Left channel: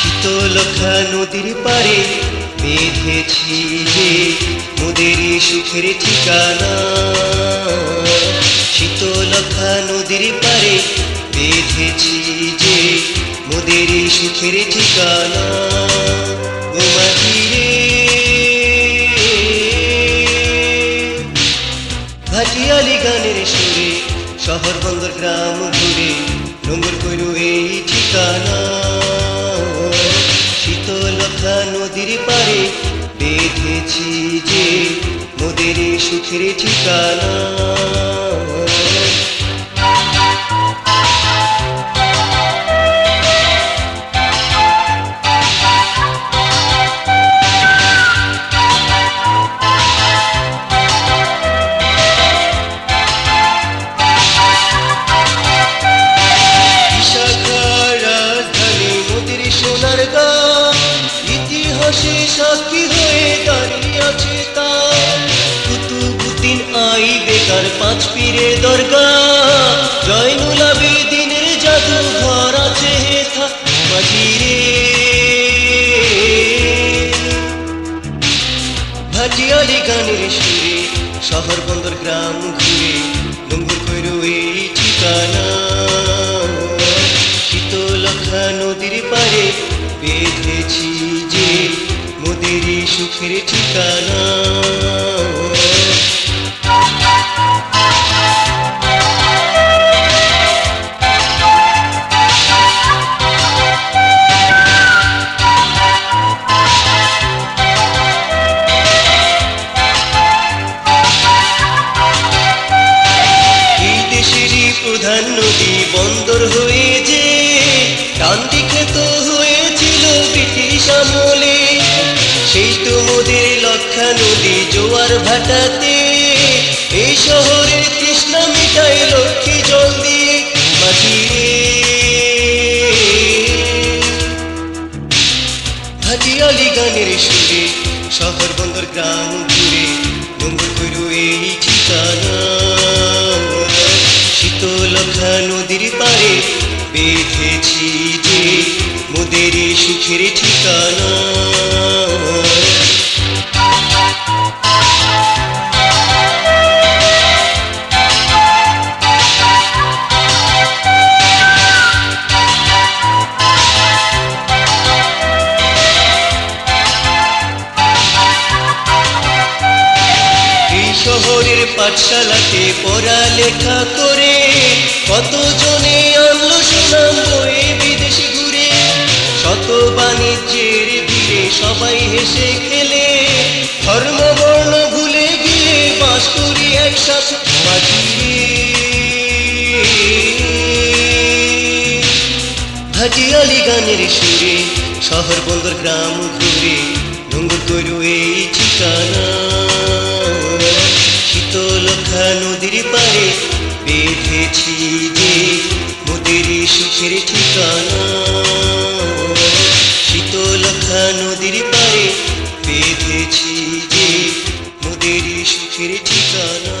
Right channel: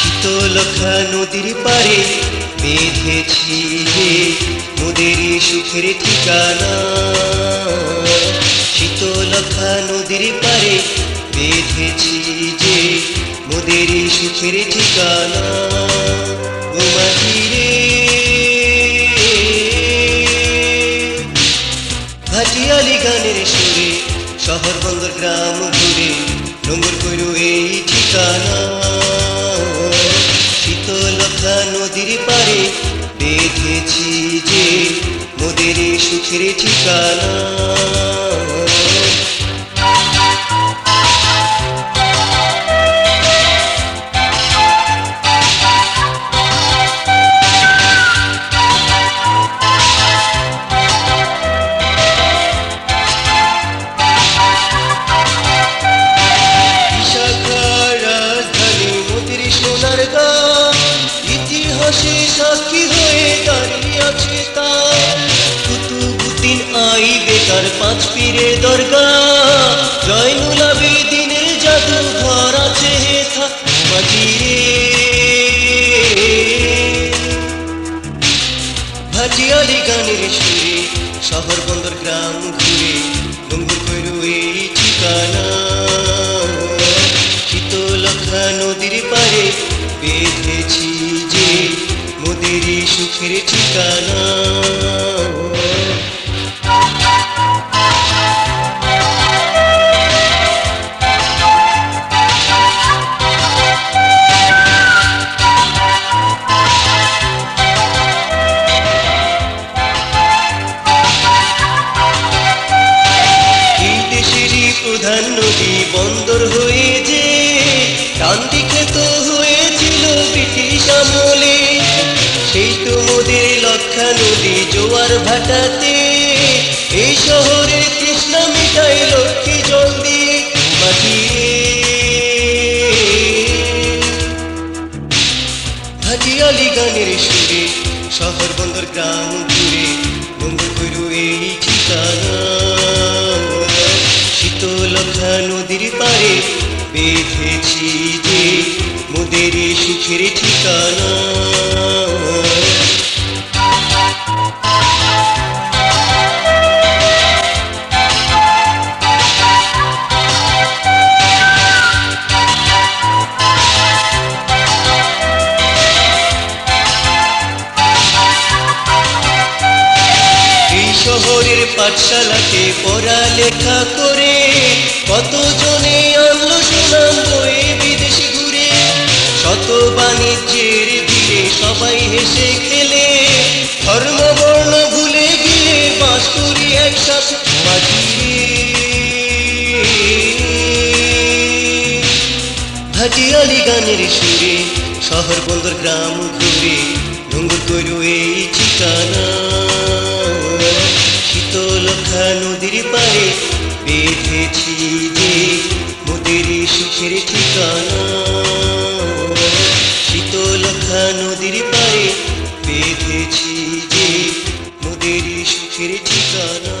শীতলক্ষা নদীর পারে বেঁধেছি যে মোদের সুখের ঠিকানা। শীতলক্ষা নদীর পারে বেঁধেছি যে মোদের সুখের ঠিকানা। ঘুমাধিরে ভাটিয়ালি গানের সুরে শহর বন্দর গ্রাম ঘুরে নোংর কইল এই ঠিকানা। শীতলক্ষা নদীর পারে বেঁধেছি যে মোদের সুখের ঠিকানা। ইতিহাসে সাক্ষী হয়ে দাঁড়িয়ে আছে তার কুতুবুদ্দিন আইবেকার পাঁচ পীরে দরগা। জয়নুল আবেদিনের জাদুঘর আছে মাটিরে। ভাটিয়ালি গানের সুরে শহর বন্দর গ্রাম ঘুরে নোংর কইল এই ঠিকানা। শীতলক্ষা নদীর পারে বেঁধেছি যে মোদের সুখের ঠিকানা। দেশেরই প্রধান নদী বন্দর হয়ে যে ক্রান্তি ক্ষেত হয়েছিল ব্রিটিশ আমলে। সেই তো মোদের লক্ষা নদী জোয়ার ভাটাতে এই শহরে তৃষ্ণা মিটায় লক্ষ্মী জল দিয়ে মাটিয়ে। ভাটিয়ালি গানের সুরে শহর বন্দর গ্রাম ঘুরে নোংর কইল এই ঠিকানা। শীতলক্ষা নদীর পারে বেঁধেছি যে মোদের সুখের ঠিকানা। শহরের পাঠশালাতে পড়ালেখা করে কতজনে আনলো সুনাম বয়ে বিদেশ ঘুরে। শত বাণিজ্যের ভিড়ে সবাই হেসে খেলে ধর্ম বর্ণ ভুলে গিয়ে বাস করি একসাথে মাটিরে। ভাটিয়ালি গানের সুরে শহর বন্দর গ্রাম ঘুরে নোংর কইল এই ঠিকানা। শীতলক্ষা নদীর পারে বেঁধেছি যে মোদের সুখের ঠিকানা। শীতলক্ষা নদীর পারে বেঁধেছি যে মোদের সুখের ঠিকানা।